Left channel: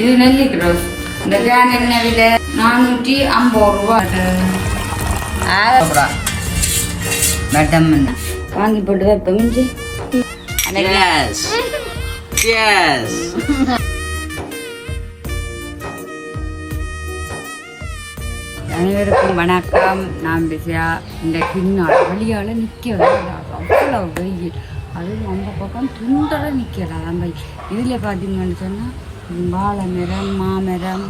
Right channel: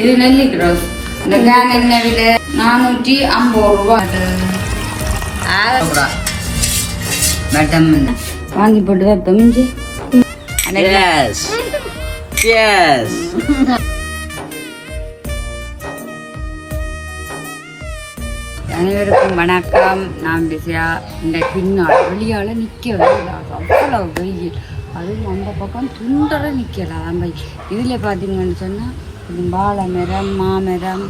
இது நெல்லிக்ரோஸ். இந்த கேன் என்ன விலை? 450 ரூபா. வாங்கி போட்டு வைப்போம். அனைவருக்கும் வணக்கம். நான் பிஸியா. இந்த பின்னாள் வெளியால் நிற்கலாம், அவ்வளோ வெயில். அதுவும் அந்த பக்கம் துண்டரை நிற்கலாம். நம்ம இதில் பார்த்தீங்கன்னு சொன்னால் இது வாழை மரம், மாமரம்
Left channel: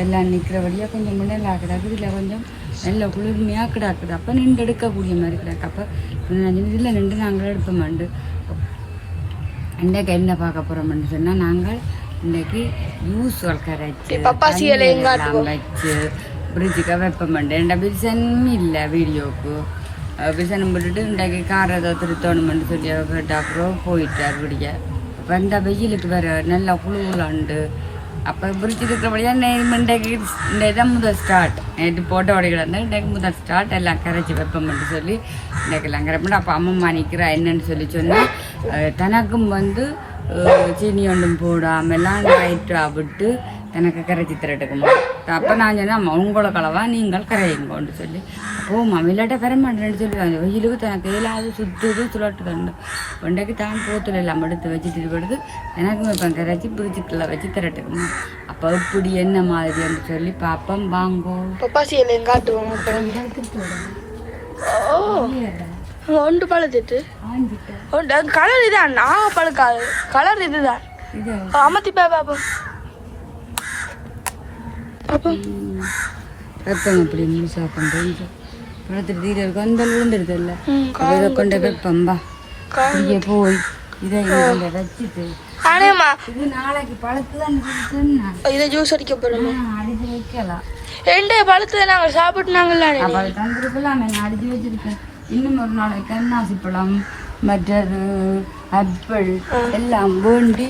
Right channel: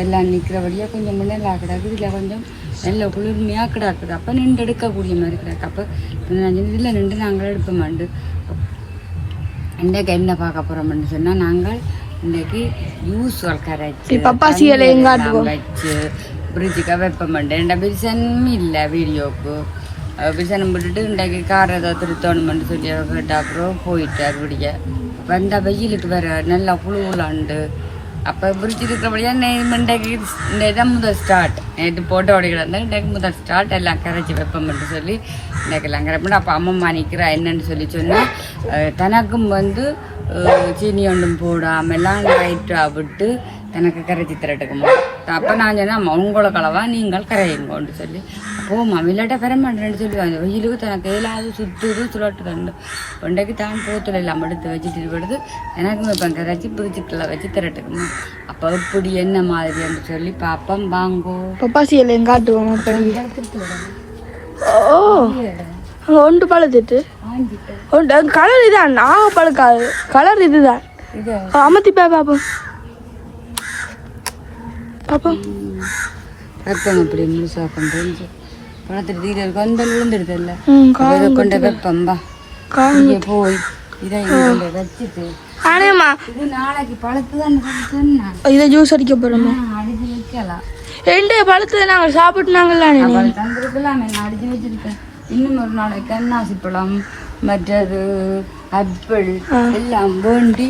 எல்லாம் நிற்கிறபடியாக கொஞ்சம் முன்னெல்லாம் கிடக்குது. இதில் கொஞ்சம் நல்ல குளிர்மையாக கிடக்குது. அப்போ நின்று எடுக்கக்கூடிய மாதிரி கிடக்கு. அப்போ இதில் நின்று நாங்கள் எடுப்போமாண்டு. இன்றைக்கு என்ன பார்க்க போகிறோம்னு சொன்னால், நாங்கள் இன்றைக்கி ஜூஸ்கள் கரைச்சி வச்சு ஃப்ரிட்ஜுக்காக வைப்போமாண்டு. எந்த பிரிசனும் இல்லை வீடியோவுக்கு. பிரிசனம் போட்டுட்டு இன்றைக்கு காரை ஏதோ திருத்தணுமென்று சொல்லி கேட்ட அப்புறம் போயிட்டார் விடிய. அப்போ இந்த வெயிலுக்கு வேறு நல்லா குழுவுலாண்டு. அப்போ பிரிட்ஜ் இருக்கிறபடியாக இன்றைக்கு இந்த இதான் முதல் ஸ்டார்ட். நேற்று போட்ட உடைகள் இருந்தால் இன்றைக்கு முதல் ஸ்டார்ட். எல்லாம் கரைச்சி வைப்போம்னு சொல்லி இன்றைக்கு எல்லாம் கரைப்போம். அப்போ அம்மா நிற்கிறா என்னன்னு சொல்லி சொன்னால், தனக்கும் சீனி ஒன்றும் போடாமெல்லாம் லைட்டாக விட்டு எனக்கு கரைச்சி திரட்டுக்குமா. அப்போ நான் சொன்னேன், உங்களோட கலவா நீங்கள் கரையுங்கன்னு சொல்லி. அப்போம்மா விளையாட்ட பெற மாட்டேன்னு சொல்லி அந்த வெயிலுக்கு தனக்கு ஏழாவது சுற்றுது சுழட்டு தண்டு ஒன்றைக்கு தான் போத்தில் எல்லாம் எடுத்து வச்சுட்டு படுது. எனக்கும் இப்போ கரைச்சி பிரிச்சுக்குள்ள வச்சு திரட்டுக்குமா. அப்போ இப்படி என்ன மாதிரின்னு சொல்லி பார்ப்போம். வாங்கோ பப்பாசி எல்லாம் காட்டுவோம். ஒன்று பழுத்துட்டு கலர் இதான். நான் பழுக்காது கலர் இதுதான். அமர்த்தி பார்ப்போம். அப்படி முழுசா பண்ணுறேன். பழத்துட்டு தீரருக்கு அந்த விழுந்துருது இல்லை கொண்ட வெப்பம்பா போய் இதை கொண்ட வச்சுட்டு இது நாளைக்கு பழத்து தான் இதை ஜூஸ் அடிக்க போறோம். அடிச்சு வைக்கலாம். ரெண்டு பழத்துல நாங்கள் சாப்பிட்டுனாங்கல்ல தந்துருக்கலாம். நான் அடிச்சு வச்சிருக்கேன். இன்னும் ஒரு நாளைக்கு அன்னாசி பழம், மற்றது ஆப்பிள் எல்லாம் வேண்டி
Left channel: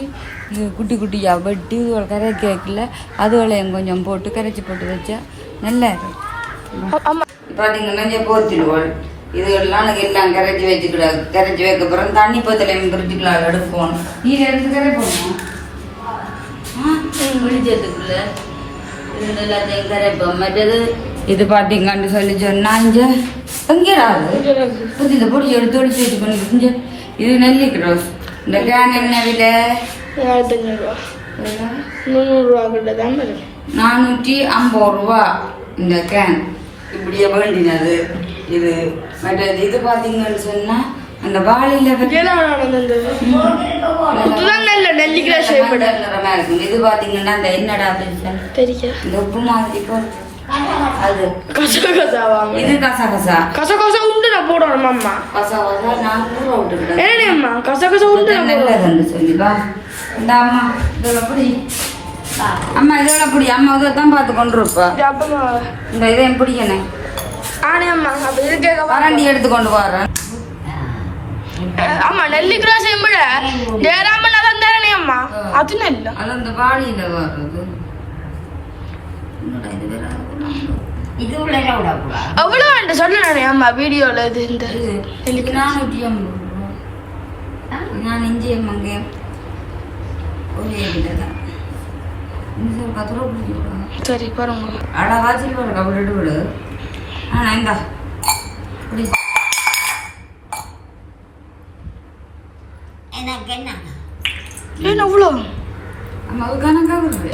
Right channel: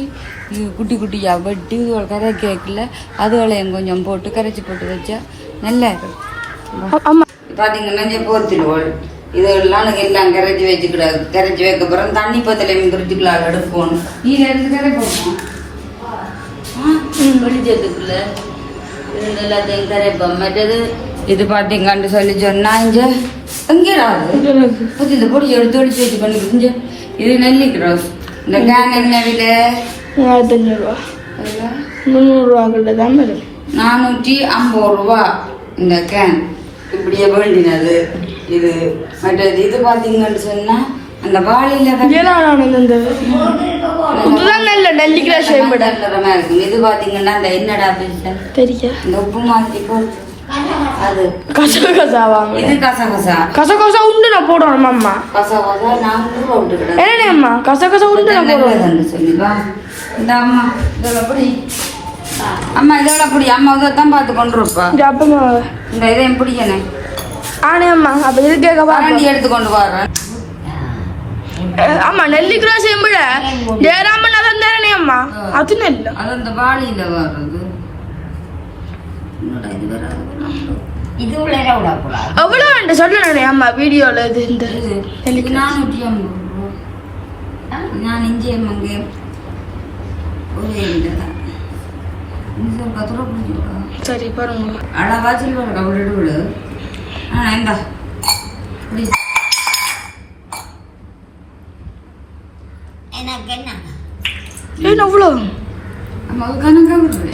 குட்டி குட்டியாக வெட்டி ஒரு கரை கேக்கில் அதுகளையும் கொஞ்சம் போட்டு கரைச்சி போட்டு வச்சா நல்லா இருக்கும். பார்த்தீங்கன்னா போத்திடுவோம். இதெல்லாம் எல்லாம் கரைச்சி வச்சுக்கிடாது. கரைச்சி வைக்க போகிறோம். தண்ணி பத்தலையும் பிரிச்சுக்கலாம் எடுப்போம். நீர் இருந்து கரைப்போம். பிரிச்சதுக்குள்ள இருந்து எல்லாத்தையும் கரைப்போம். மற்றது இது பார்த்தீங்கன்னு சொல்லி சொன்னால் இங்கே எங்கேயாவது புதிய பொடி எடுத்து ஒழிச்சு வச்சு பண்ணிக்கிட்டு. இது நெல்லிக்ரோஸ். இந்த கேன் என்ன விலை? 450 ரூபா. 300 கிட்ட தான் வரும். 450 ரூபா இந்த கேன். இப்படியே வேண்டினது இது. மற்றது இது பார்த்தீங்கன்னு சொன்னால் அந்த வாழையில இருக்கும். இது பார்த்தீங்கன்னா இந்த என்னடா இந்த உப்பு மாற்றி போல் அது கசகசாவா? இது கசகசா. கசகசா உண்டு நான் போடுறோம். அம்மா கசகசா நான் கூட விட்டுக்கிட்டேன். ஏனே அம்மா கசகசா உண்டு நல்லதுன்னு சொல்லிப்பா. இந்த அம்மா இதெல்லாம் அப்படி அம்மா இதெல்லாம் அப்படி அம்மா இதைத்தான் பார்த்து கொண்டு இருப்பா. இந்த இதையும் பிடிக்கணும். ஆனே அம்மா அப்ப இது கேட்க வாரண்டி எடுத்து கொண்டு வர்றேன். அம்மா நெல்லிக்ரோஸ் விட ஜெயராமன் அதான் தானே அம்மா. அது நெல் அது அந்த வாழையில வர்றது. அவ்வளோ சொல்லுறானே அம்மா வீடியோல. இது இந்த 450 நான் இஞ்சி மங்க சரி பாருங்க. அழகா சில்வர் கவிட்டு விடு. இந்தா என்ன அவ்வளோ அம்மா கணக்கா விடுறது.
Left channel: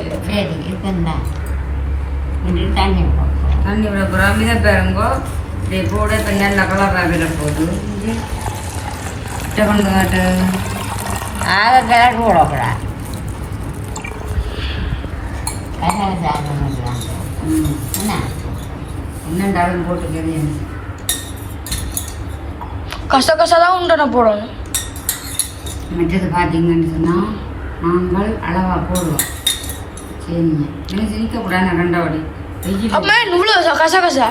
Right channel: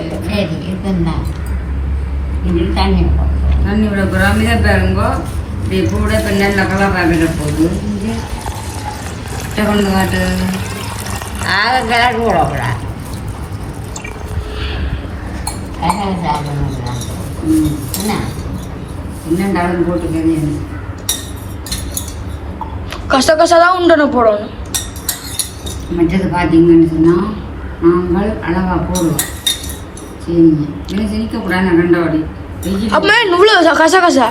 தண்ணி விட போகிறோம். இதை பாருங்கோ. இப்படி போட இப்போ நல்ல கலராக விட போகுது. கொண்டு காட்டு கலர் போடக்கூடாது. என்னண்டாலும் போட்டுக்கவே கசகசா தான் உண்டன போடணும். மற்றது பார்த்தீங்கன்னு சொன்னால் நாங்கள் அளவாக போடுவோம். சரிங்க சிரிக்கக்கூடாது. நான் கண்டவாடி அப்போ இவ்வளோ கசகசா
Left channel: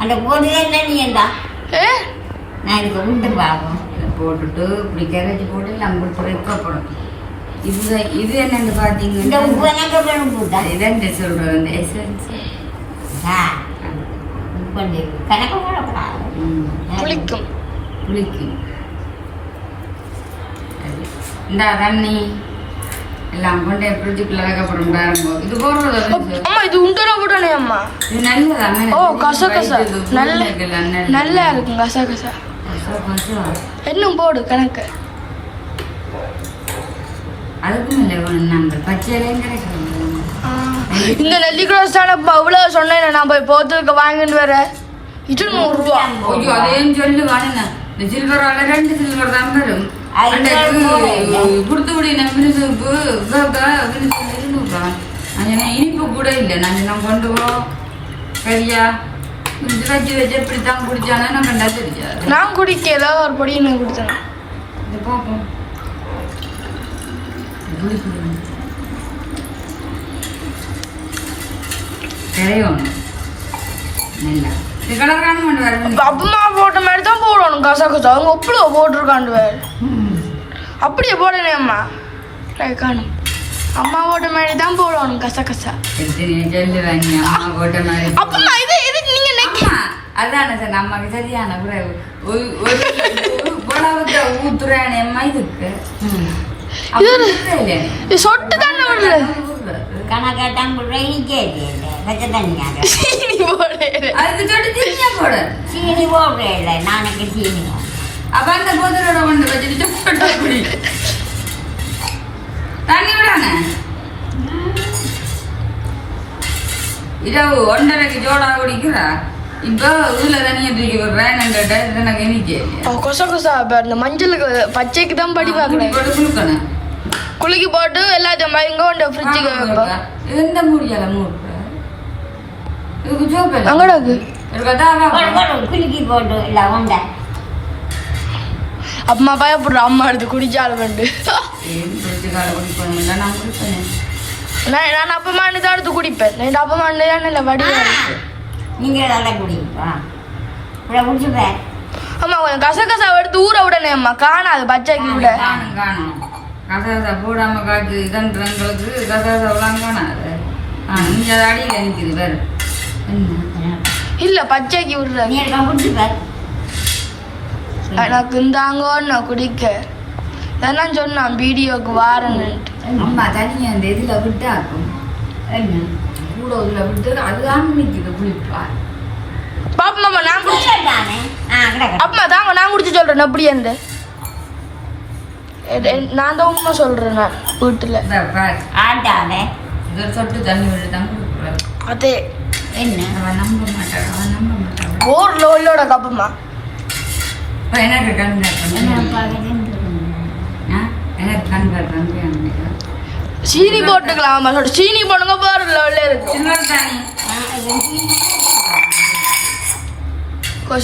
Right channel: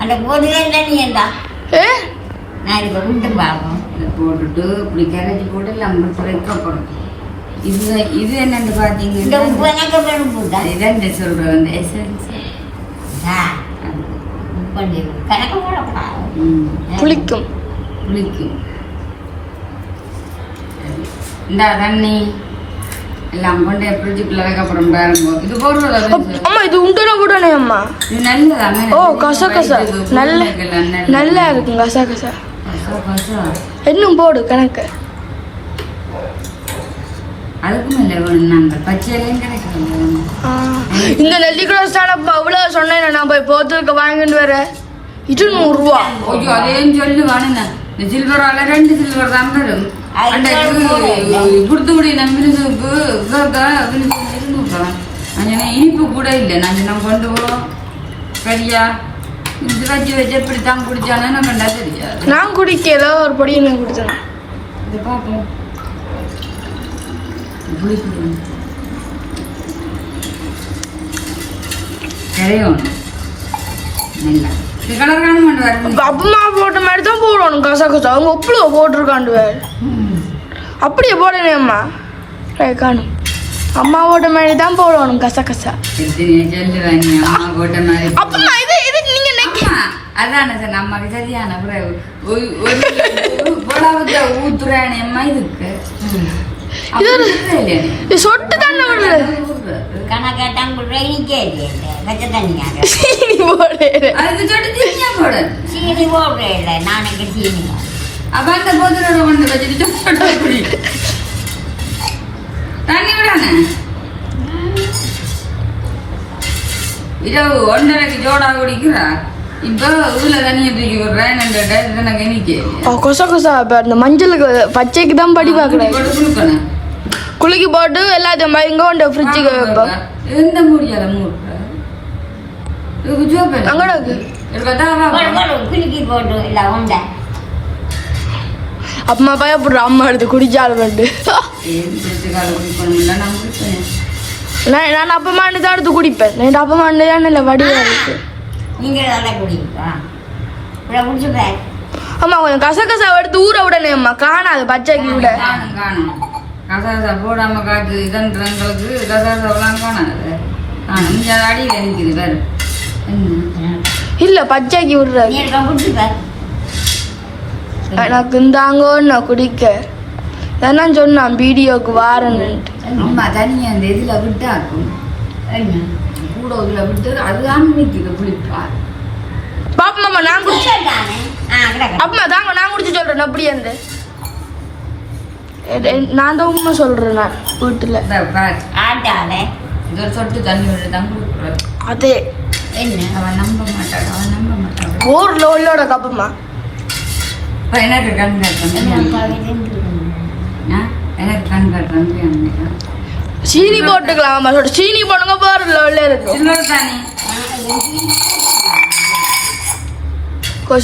அந்த போடுவே இல்லை. நீ ஏண்டா நான் இது உண்டு பார்க்கும். இதை போட்டுட்டு இப்படி கரைச்சி போட்டு எல்லாம் வைக்கப்படும். இது என்னன்னு பார்த்தீங்கன்னா இதான் சொல்கிறேன். இந்த எசன்ஸ் புளிக்கும். இந்த தண்ணி எல்லாம் கொண்டு ஃப்ரிட்ஜுக்குள்ள வைக்கப்புறம் பாருங்க இது போடுறதா அம்மா இது உண்டன விடனே அம்மா இது நல்லதாங்க ஓ கச கச நல்ல நல்லா இருக்கும் கச கச இன்னும் போடு கணக்கு அதுக்கும் இல்லை நாங்கள் பச்சையிலையும் கிடைக்கிறோம் இந்த நெல்லிக்குளம் சாணப்பா அவ்வளவு சொன்னேன் நான் போய் போத்துக்கு வாங்கிட்டு வரேன் இது 100 ரூபா ஐயோ அதையும் சொல்லுவானே இந்த சில்வரால 2 சில்வர் தான் வரும் அன்றைக்கு குடுத்துக்குடி நம்ம சூப்பு நான் இனிப்பு கூட இல்லை நான் கொண்டு போவோம் சரியா இது வச்சு வச்சு எப்படித்தான் குடிச்சானே நான் கண்டா தெரியாது நான் குடிக்கல ஒரு பொடி எனக்கு கொடுத்தேன் இதை பார்ப்போம் கரையோணும் நல்லா இது கலர் காணும் கொண்டு வரணும் அப்பமா போட்ட மாதிரி தான் போடணும் கசா கசா அவங்க உப்புல போட்டிருக்காண்டு வேறு அப்படியே போடணே அம்மா காணும் அம்மா போட்ட மாதிரி தான் போடணும் கசா கசா சொல்லுவாங்க அம்மா போட்ட மாதிரி அப்பமா இது இது நீங்க அதான சார் அம்மாக்கு சரியான புலவத்தை ஊத்துறானே அம்மா இதுக்கு சொட்டு தானே கணக்காட்டான் சீனி போடுறேன் நாளைக்கு சீனி அப்ப அந்த போதலோட கொண்டு வச்சுட்டு தண்ணி விடானே இரவு 1:30க்கு ஜோடா குடிக்கிறா இப்போ ஊர்ல தண்ணியை தூக்கி விடுறேன் எனக்கு இன்னைக்கு கொசா கொசா இந்த மஞ்சளுக்கு பச்சைக்கு தான் படி பார்க்கணும் கொடுக்கணும் குலுக்கி போட்டு எல்லாத்தையும் இங்க கொண்டு ஃப்ரிட்ஜுக்கு வைப்போம் எந்த மூடியால மூடு இதுக்கு ஜோப்பு அங்கடாக்கு குலுக்கி போட்டு இல்லை உண்டை அம்மா பயப்படுற அம்மா எடுத்து குடிச்சாலும் வந்து காலை குடிக்கணும்ல நான் குடிப்பேன் நான் அப்பமாண்டு தான் எடுத்து குடிப்பேன் நான் அப்பமாண்டு தான் இல்லை வடிவா இருக்கு நீங்கள் நல்லா குடிப்பா குடிச்சுப்பேன் அம்மா கொஞ்சம் கசகசா எடுத்து ஊற விடனே அம்மா காணாது பச்சைக்கு விட காணும் காணும் கசாசா போடாம காய்ச்சி இதன்றங்களுக்கு கசாசாவெல்லாம் காணாது காணும் அது அடியில் நிற்குது வேறு இல்ல பச்சைக்கு விடுற நீ குடிச்சுப்ப எனக்கு இந்தாங்கன்னு குடிக்க நான் சொன்னான் வீடியோக்கு வாரன்னு அம்மா தனியாக அந்த இதில் விட்டா இருக்கும் கூட இதில் விட்டு அதுதான் வைக்கிற புளிப்பா பாப்பா நான் அப்பா தாங்க நான் குடிச்சு சொல்றேன் அப்படி அந்த நான் தான் உண்மை சொல்றேன் நான் வீட்டுல ஆட்டாத இது ஒரு சொட்டு தண்ணி விட்டு தான் கொடுக்குறது அதே அவன் நம்ப மாட்டான் ஊர்ல உள்ளோட கப்பமா எனக்கு கண் காட்டுறேன் எனக்கு கண் காட்டுறேன் சீனி போட்டுக்கலாம் சொல்ற சீனி போடுங்க பாருல உள்ள இருக்கும் சில்வர் தண்ணி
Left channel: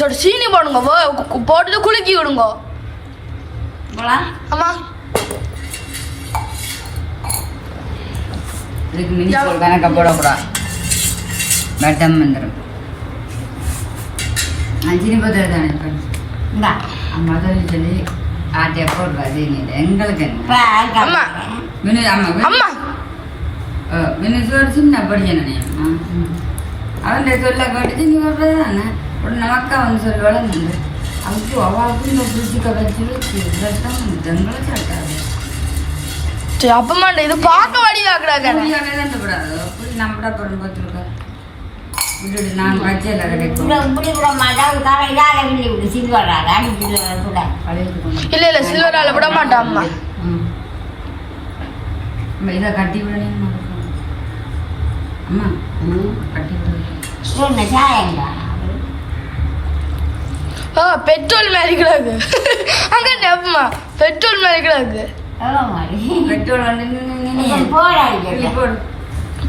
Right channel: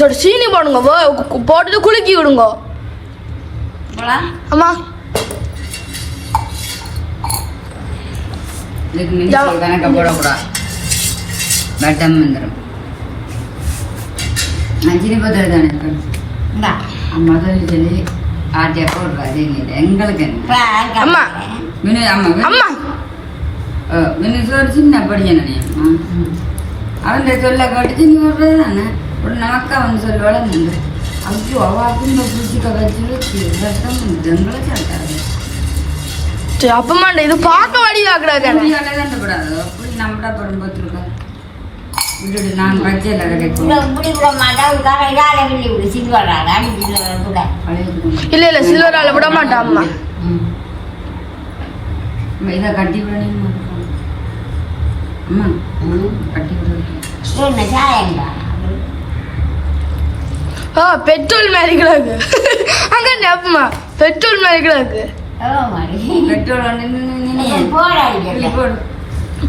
சொல்ற சீனி போடுங்க போட்டுட்டு குலுக்கி விடுங்க அம்மா கணக்க போடக்கூடாது வெட்டம் வந்துடும் அஞ்சினி பத்திர தானே அம்மா தான் சொல்லி ஆட்டியா போடுறாது எங்களுக்கு என்ன அம்மா வினு அம்மா அம்மா வினுசோட சின்ன படிச்சனே அவன் சொல்ல கட்டிச்சு நீ வர்றது தானே உடனே அக்கா வந்து சொல்லுவாள் நின்று ஐயோ அவாவுக்கு இந்த புடிச்சிக்க வச்சு ரத்தம் வந்து எங்களை சாட்டாது அப்பமா இது பார்க்க வடிவாக்குறாங்க கூடாது அப்படி நம்மடா பரும்பத்திருக்கா விட்டுட்டு நான் பச்சையில் கிடைக்கும் இல்ல இல்ல சில்வரால விட மாட்டான் அம்மா இதை கட்டி விடணும் அம்மா கட்டி விட பெட்ரோல் மாதிரி கிடக்கு அங்க அப்பமா பெட்ரோல் மாதிரி கிடக்கு பெட்ரோல் வந்து போடு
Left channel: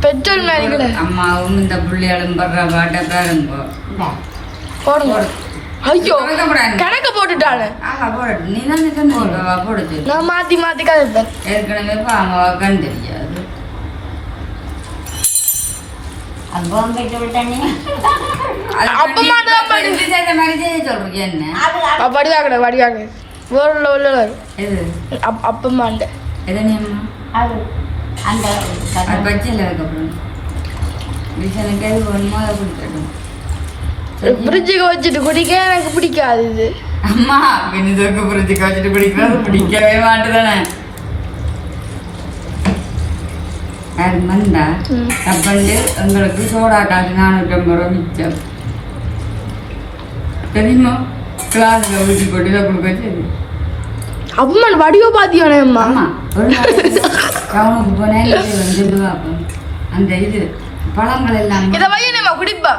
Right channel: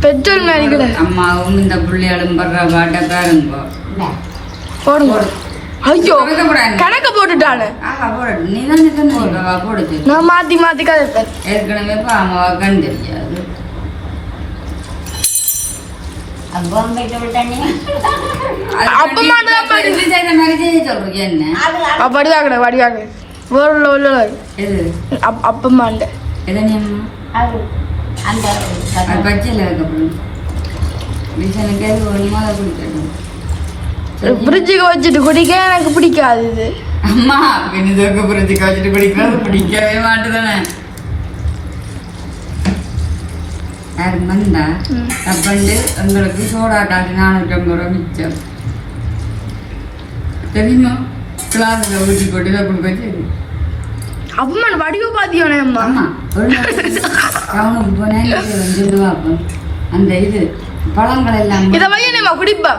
பெட்ரோல் மாதிரி கிடக்கு அம்மாவும் இந்த பிள்ளையாலும் படுற பாட்டை பாருங்க போடுங்க ஐயோ கணக்க போட்டுட்டானு போடட்டும் நீ தான் போடுச்சு நான் மாத்தி மாத்தி கதைப்பேன் ஏற்கனவே அம்மாவை கண் தெரியாது வடிவாக வடிவாக அப்பம்மாண்ட பச்சையில் வைக்கப்படும் ஃப்ரிட்ஜுக்கு வச்சுட்டு குடிக்க எனக்கு பிடிக்காது இது அம்மா பின்னுக்கு ஃப்ரிட்ஜுக்கு வச்சுட்டு குடிக்கிறது பிடிக்கவே மாட்டுதானே யாரும் வந்தா தப்பண்டு எங்களுக்கு சோடா காசு 450 ரூபா மிச்சம் தெரியுமா கிளாஸ்ல ஊற்றி போட்டு இதை கொடுக்க சரி அம்மா வடிவ பாத்தியானே அம்மா ஆமா ஒரு நாளைக்கு டவுனுக்கு போனேன் வந்துட்டு வாப்போம் அந்த இது பழங்கள் எல்லாம் இதை வையனேம்மா குடிப்பா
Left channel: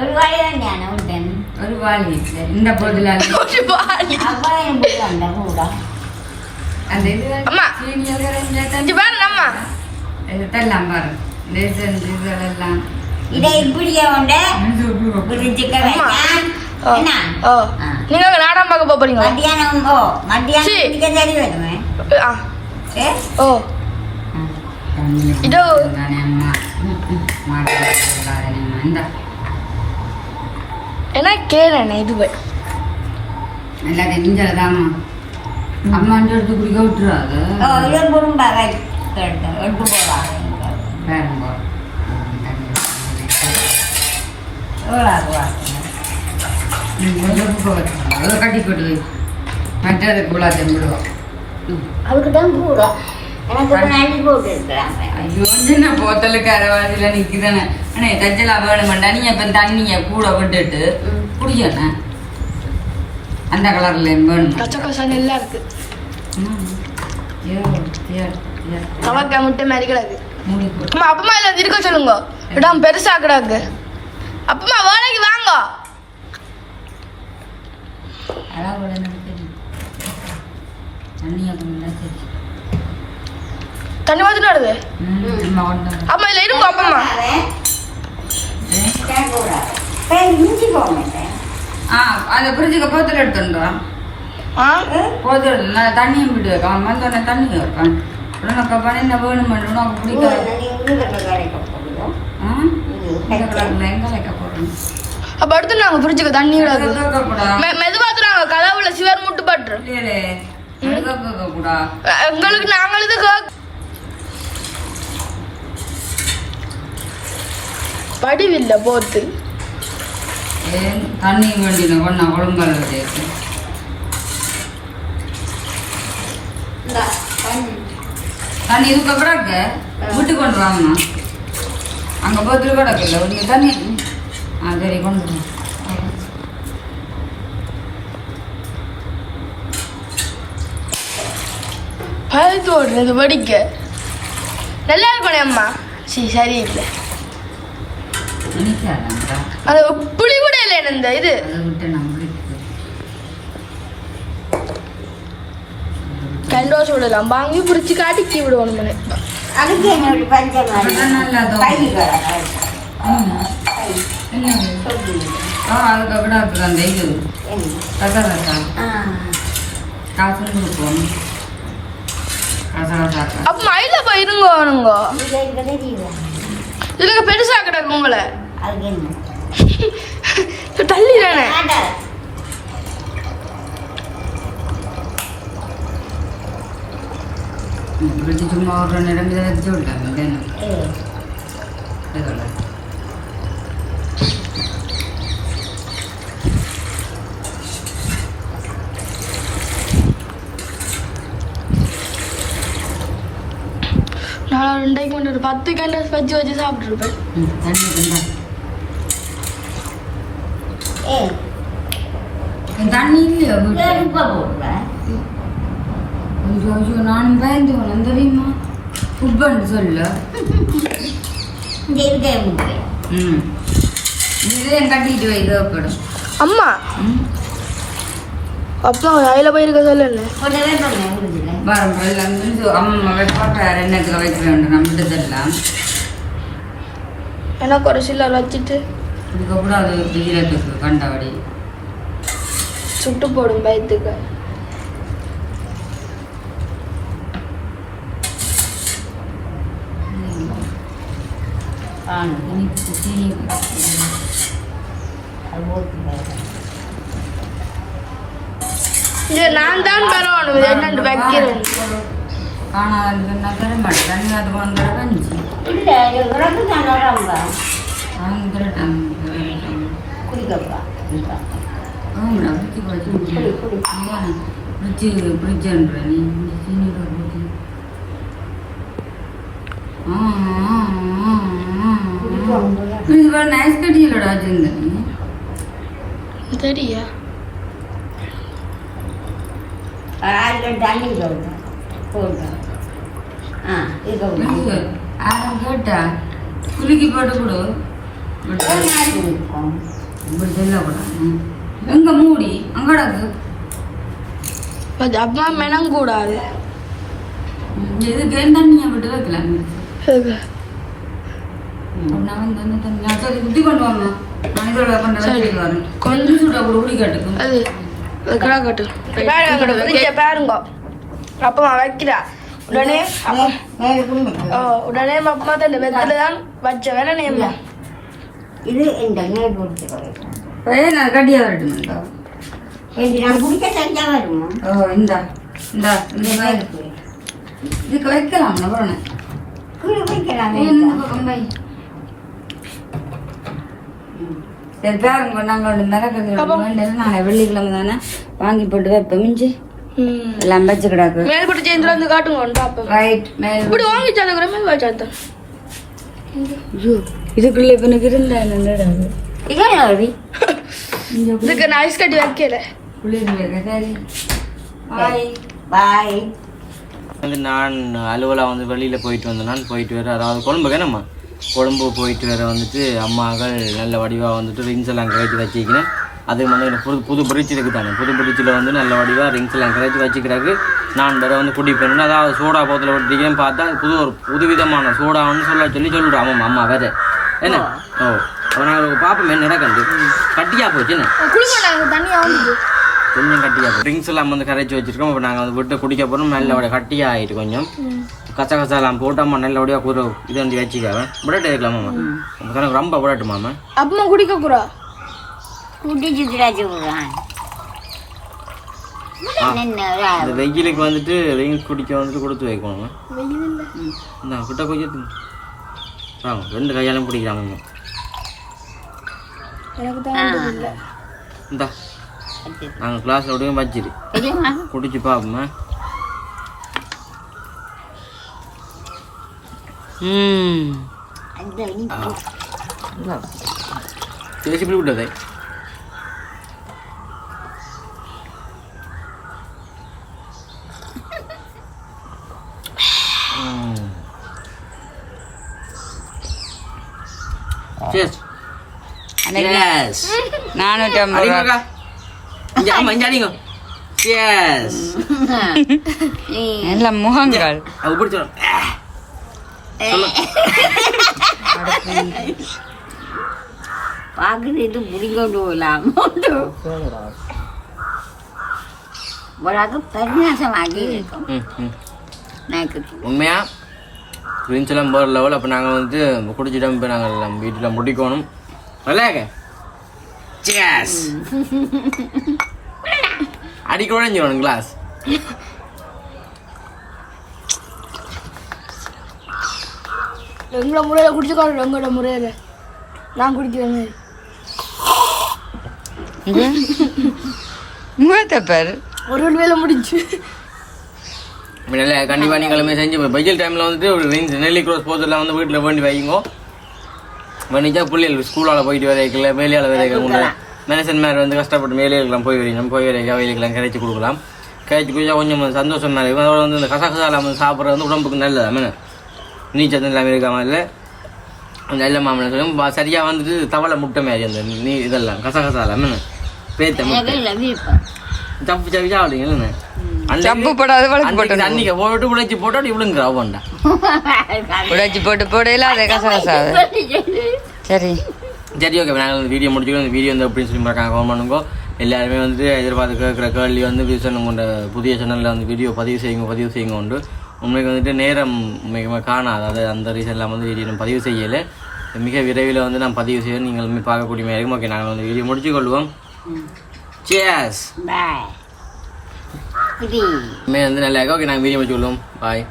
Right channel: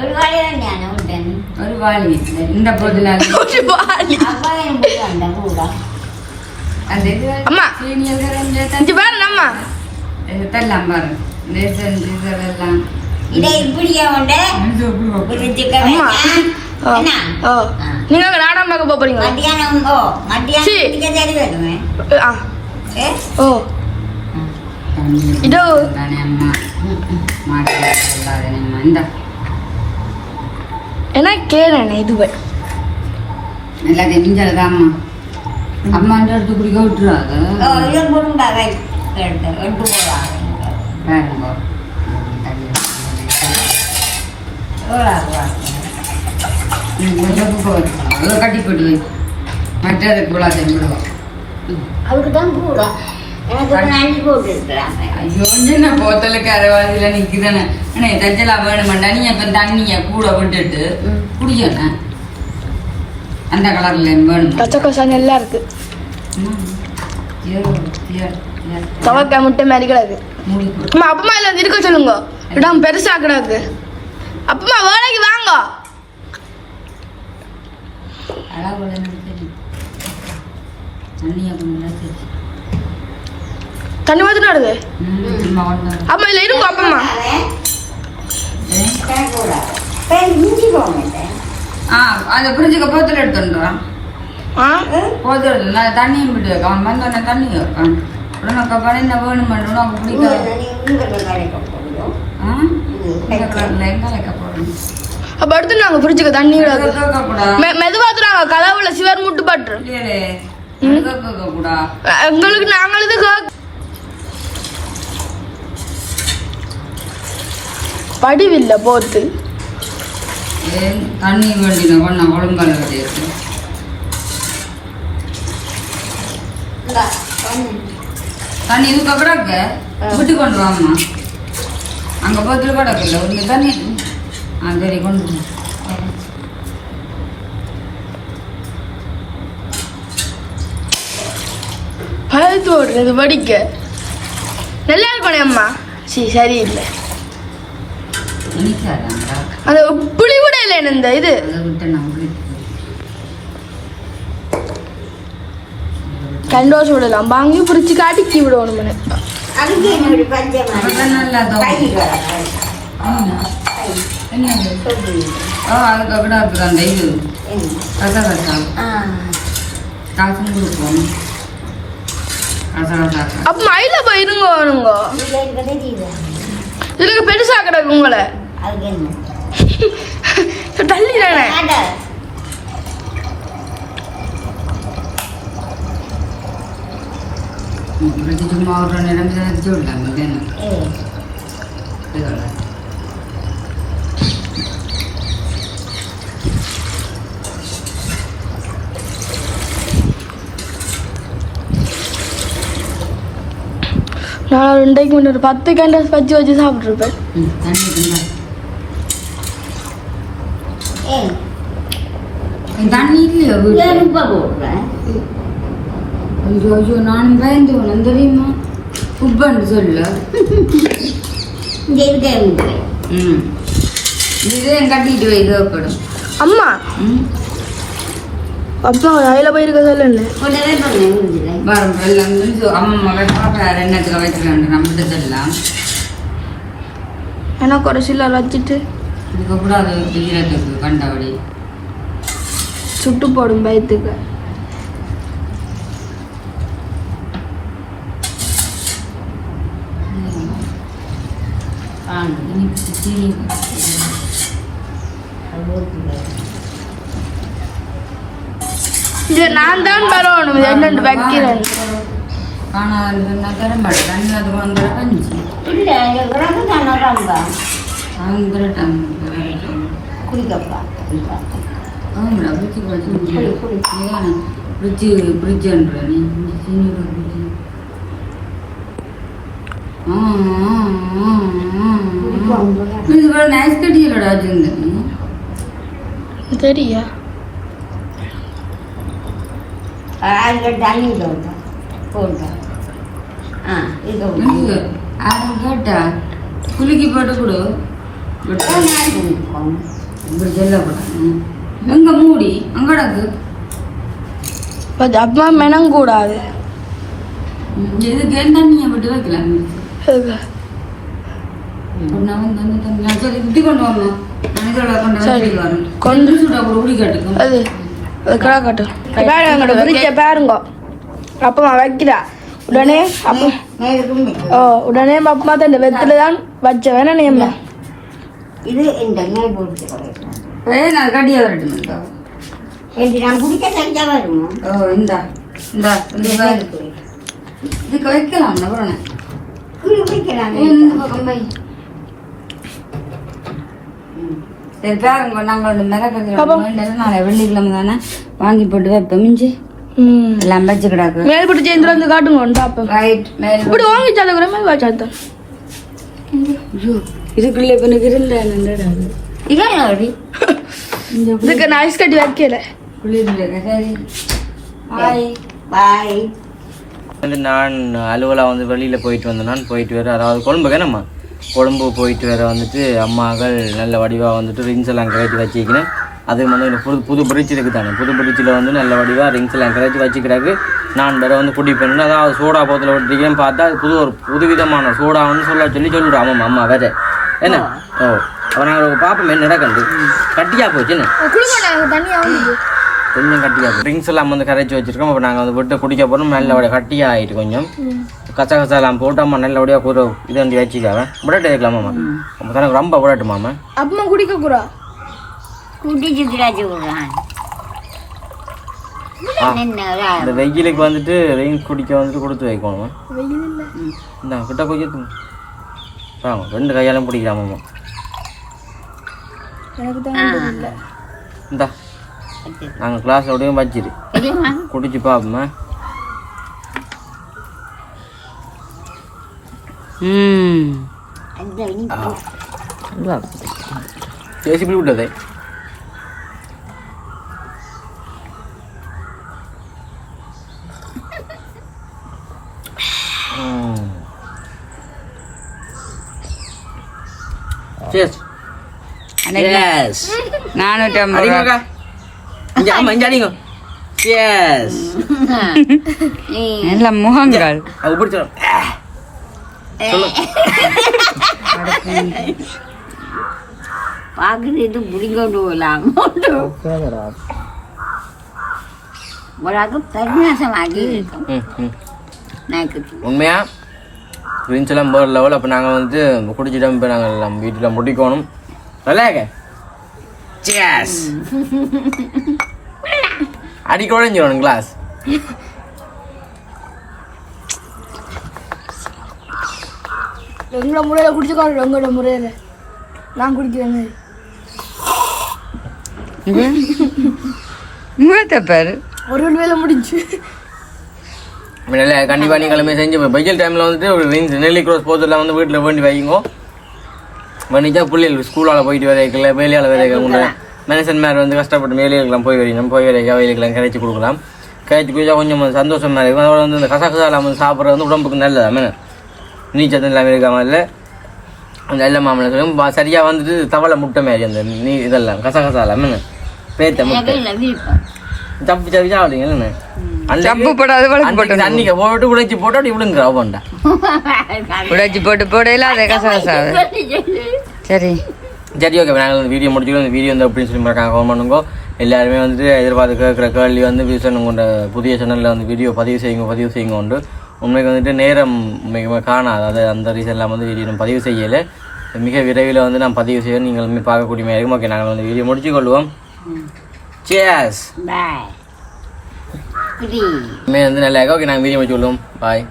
ஒரு வாழை வேண்டியான விட்டேன் ஒரு வாளி இல்லை இந்த போதில் ஒரு வாளி. அப்பாயும் போட்டு அந்த கூட அந்த இது அம்மா. சீனியர்கள் இங்க பாரு அம்மா இதெல்லாம் பாருங்க இதெல்லாம் இதை இப்படியே உண்டு ஒரு சிக்கன் அம்மா. என்ன ஓ நீங்க அங்க நாடகம் பார்க்க போறீங்க மத்தியானம் மத்தியானம் சரி. குடிக்க சரி வருவேன் ஆ. ஏ ஓ இதோ. தானே அம்மா மாட்டு அம்மா இந்த என்ன கேளேன் இதுவே எல்லாத்தையும் கிஞ்சலதாம்மா அம்மாண்ட எடுத்து குடிக்க விட்டுருவாங்க இது குடும்ப எடுத்து போவாங்க பாருங்க அதை கட்டி போட்டு வை மற்றது குழாத்தையும் விடுவோம் அதுக்கு தான் கூட எனக்கு அள்ளி போட்டு இருக்கிறாங்க ஐயோ என்ன போத்தலுக்கு அரைவாதியில் நிற்குதானே அண்ணே தஞ்சலா வேணுமெண்டா நீ இப்போ தண்ணியை கூட விட்டுட்டு குடிக்கணும் அந்த கலர்ல வேணும் பச்சை கசாங்க எல்லாம் இருக்கு தவக்காய் முட்டை மாதிரி கிடக்கு அம்மா அப்பமா இல்ல இருக்க சொல்லுங்க இடம் பெருசா கிடக்கு அப்பமா வேலைக்கு வாங்க அதான் கூட நினைச்சேன் தண்ணியை கொஞ்சம் சரி தண்ணி மாதிரி வருது அம்மா இல்ல இருக்கும் அப்பமா இஞ்சி போக மாட்டேன் அந்த ஃப்ரிட்ஜுக்கு போத்தில் எடுத்துட்டுறான் போத்தில் நான் தண்ணியும் விட்டு வைக்கான் வந்தோடனே தண்ணி வைக்கான் உனக்கு பண்ண வேணுமென்று உனக்கு பிடிக்காது இந்த கலரில் எங்கே வைக்க போகிறோம் அப்ப அடுத்து நாங்க ஃப்ரிட்ஜுக்கு தண்ணி கூடாது மெதுவா தராங்க கதவுல சிவர் முட்டு பட்டு இல்லையே கூடாது எங்களுக்கு நாங்கள் இது படிவில்ல போத்து தண்ணி வேண்டின கொண்டா ஒழுங்கால கிடையாது தண்ணி இதுக்கு அப்புறம் விட்டு கொண்டு வாங்கம்மா அங்கே போத்தில் கிடக்கல ஒரு தண்ணி சரி கொண்டு பழுத்து ஓடுறது வடிக்க நல்லா இருக்கணும் அம்மா சரியில்லை நினைக்காதாங்களா அது புளி கூட இல்லை இந்த இது அதை விட்டு நம்மளுக்கு கண்டோஸ் விடலாம் வாங்கி பிடிச்சி காட்டி விடுவாங்க அதுக்கு என்னோட பஞ்சம் அப்பதான் நல்லா என்ன அதுக்கு கூட இருக்குது அந்த இது ரசம் காசும் கொடுப்போம் ரசம் அப்ப மயில போயிருங்க வருங்க இதுக்கு பெருசா கிடக்கு உங்களை தள்ளி தானே சும்மா ஒரு நேரம் விடலாம் நான் 2 முன்னாடி 10 கேண்டல்ஸ் வச்சு சாப்பிட்டுருப்பேன் தண்ணி இல்லையா ஐயோ ஐயோ நானும் பயந்தோம் தெரியுமா உப்பன்னு சொல்ல இதே கட்டிட்டு வை தேவைப்படும் அம்மா அப்பா வயல போயிருக்க சொல்லு வரும் எல்லாம் அம்மா வேற எண்ணத்துல வைக்கிறாங்க நம்மகிட்டதெல்லாம் எனக்கு ஒரு சில வச்சுட்டு இதுக்கப்புறம் அது ஈரத்துக்கு கண்டபடி சுட்டு போடும் பயத்துக்கு இது நான் தான் பரவணும் என்னென்று வைக்கிறேன் காணாதுன்னா தரமாட்டேன் தண்ணி அது வந்துட கஞ்சி குடிக்கப்பா ஆமாடா ஃப்ரிட்ஜு ஃப்ரிட்ஜுன்ற நீ சீனியோட ஃப்ரிட்ஜு இது நைஸ் கட்டியலோட வச்சிருந்தேன் தெரியா தண்ணி போடுறேன் கேட்டா குலுக்கி போட்டு கொடு இப்படி சொல்லக்கூடாது எங்க மூடி அங்கடக்கு அப்பா மெனங்கூடாது இதுக்கு தண்ணியை விட்டு வைக்கலாம் நான் வந்து தண்ணி தண்ணி சரி இப்படி கொண்டு வாங்க நான் இதோட கொண்டு கொஞ்சம் சூடா கூட ஊடி காட்டுக்கும் அது கிடா கட்டும் பாருங்க அப்பமா வைக்கிறா உடனே அப்பா உடனே அப்பமா தான் வெத்தில தான் வச்ச வேணா நேம்மா இது இந்த நெய் போட்டு நான் கட்டியா வரட்டுமா நான் குடிக்க தனியா வருமா ஓ இந்தா இந்தா இந்த இதுக்கு வைக்கலாம் அப்புறம் சரி பாருங்க நாங்கள் ஒன்று மிளகு நாங்கள் வெள்ளிக்கிழமை தானே வாங்கி போட்டு வைப்போம் மிஞ்சி எல்லாம் வச்சு கிடாக்கு மேல்பட்டு சேர்ந்து வந்து காட்டுங்க பாப்பேன் ரைட் மேல இப்படி வாங்கிச்சால கூட மேல் வச்சாத்தான் இதுக்குள்ள இப்ப எனக்கு இருந்தாங்க இதுக்கு நான் ஐஸ் கட்டி வைக்கல குளிர்ல சரி பாய் பாய் வந்து நான் அலுவலாக வந்து வெளியில் போயிட்டு வந்தேன் நான் போயிட்டு வர அதாவது கொழம்புக்கு என்னம்மா கொழம்பு போயிட்டு வர வந்துட்டு அம்மாக்கள் நல்ல வடிவாக வந்துட்டு ரிங்ஸ் எல்லாம் கரைச்சி வச்சுக்கினேன் அது வந்து புது பிரிட்ஜ் இருக்குது தானே புது பிரிட்ஜில் வந்து நல்ல வடிவாக ரிங்ஸ் எல்லாம் கரைச்சி வச்சுக்கிறாக்கு நான் வேற வந்து குடிப்பேன் அதாவது சோடா போத்தில் விட்டுருக்கேன்னு பார்த்தா புதுவிதமான சோடா வந்து சொல்லிவிடுறோம் ஆமாம் அம்மா வேற என்ன ஓ அப்போ நாங்கள் பார்ப்போம் என்ன நடக்குது கட்டியாக போச்சுன்னு கொஞ்சம் கட்டியாக போய் ட்ரிங்க்ஸ் எல்லாம் வந்து கரைச்சி வச்சிருக்கோம் அப்போ நாங்கள் வந்து விட்டு குடிக்க போகிறோம் நல்லபடியாக கட்டியாக ஆகிட்டு கொஞ்சம் கசகசாலாம் போட்டு அம்மா நல்லபடியாக கூற இது வந்து வச்சுக்காம விடட்டு இருக்கலாமாம்மா தனக்கு ரொம்ப விடட்டுமாம்மா அப்பமா குடிக்க கூடா இந்த வெயிலுக்கு வந்துட்டு ட்ரிங்க்ஸ் குடிக்க வந்துட்டு கொடுத்து வைக்கணுமா இந்த கிட்ட கொஞ்சம் வாங்க 2 கையாலும் பிடிக்கலாமாம்மா இந்தா நாங்கள் கிளாஸில் அப்படியே வச்சிரு குடிச்சு பார்ப்போம்மா பேசி விட்டதே நல்ல முகங்கள் பாக்குறது இது முடிங்கொண்டு போகலாம் பரிநாசமாகி இருக்கும் உண்மையா ட்ரிங்க்ஸ் எல்லாம் போகிற லெவல் அப்போ நாங்கள் வந்து குடிச்சிட்டோம் இப்போ நாங்கள் நம்ம வீட்டில் முடிக்கணும் நல்லாக்க அடிக்க உடஞ்சிடணும் கிளாஸ் எங்களோட முறையில் குடிச்சுக்காரு எங்களோட முறையில் நான் குடிக்கிறேன் பேரு ஒரு வேலை முடிஞ்சு இல்லை கண்டிப்பாக நீங்களுமே செஞ்சு வெயில் டைமில் வந்துட்டு ஒரு நெல்லி க்ரோஸ் போதெல்லாம் வந்து வீட்டில் வேண்டி வைங்க வண்டிச்சா பிள்ளைகள் ஸ்கூலால் போயிட்டு வரைக்கல வேலையால் வரைக்க மனுஷன் மாதிரி வந்து கஷ்டப்பட்டு வேலைகளுக்கெல்லாம் போய் வரணும் போய் வரைக்க வேலைக்கெல்லாம் கரைச்சி கொடுக்கலாம் கரைச்சி குடிச்சா கொஞ்சம் சந்தோஷம் மாதிரி இருக்கும் அதோட வந்து இந்த கசகசாலாம் வந்து சாப்பிட்றது வந்து உடம்புக்கு நல்லதா மேலே நீச்சல் எல்லாமே இருக்காமல் இல்லை அந்த நல்ல மாமலை சொல்லுவோம் சரியாக வந்துட்டு தவளை முட்டை மாதிரி அந்த இதெல்லாம் கசகசாலாம் மேலே பேத்த முட்டை தப்பு சப்பி சாப்பிடுங்க அன்னைக்கு போட்டு உடைச்சி போட்டு அப்படி விடுங்க அவன்டா உடைச்சி போட்டு போடையில அதை கசகசாது சரி சரி ஓகே நாங்கள் வீடியோ முடிச்சுக்கோ இந்த வீடியோ வந்து அப்படின்னு சொல்லி பார்க்காங்க கமெண்ட் பண்ணுங்க எல்லாருமே வந்துட்டு எதிர்பார்த்து கேட்குற கேள்வி வந்து விசன் கொண்ட புதிய சேனலில் வந்து வீடியோ பதிவு செய்யுங்க உண்டு உண்மைக்கு வந்துட்டு நேரம் மிக காணாது அதாவது அந்த ரீசன்லாம் வந்து வீடியோ நம்ம பதிவு செய்யலை மிக விரைவில் வந்து நான் பதிவு செய்ய நீங்களுமே பார்க்கக்கூடிய மாதிரி இருக்கும் ஓகே நாங்கள் வந்து வீடியோ முடிச்சு கொள்வோம் Cheers. Bye. வந்து நல்லா ஓகே நாங்கள் வீடியோ முடிச்சு கொள்வோம் பாய்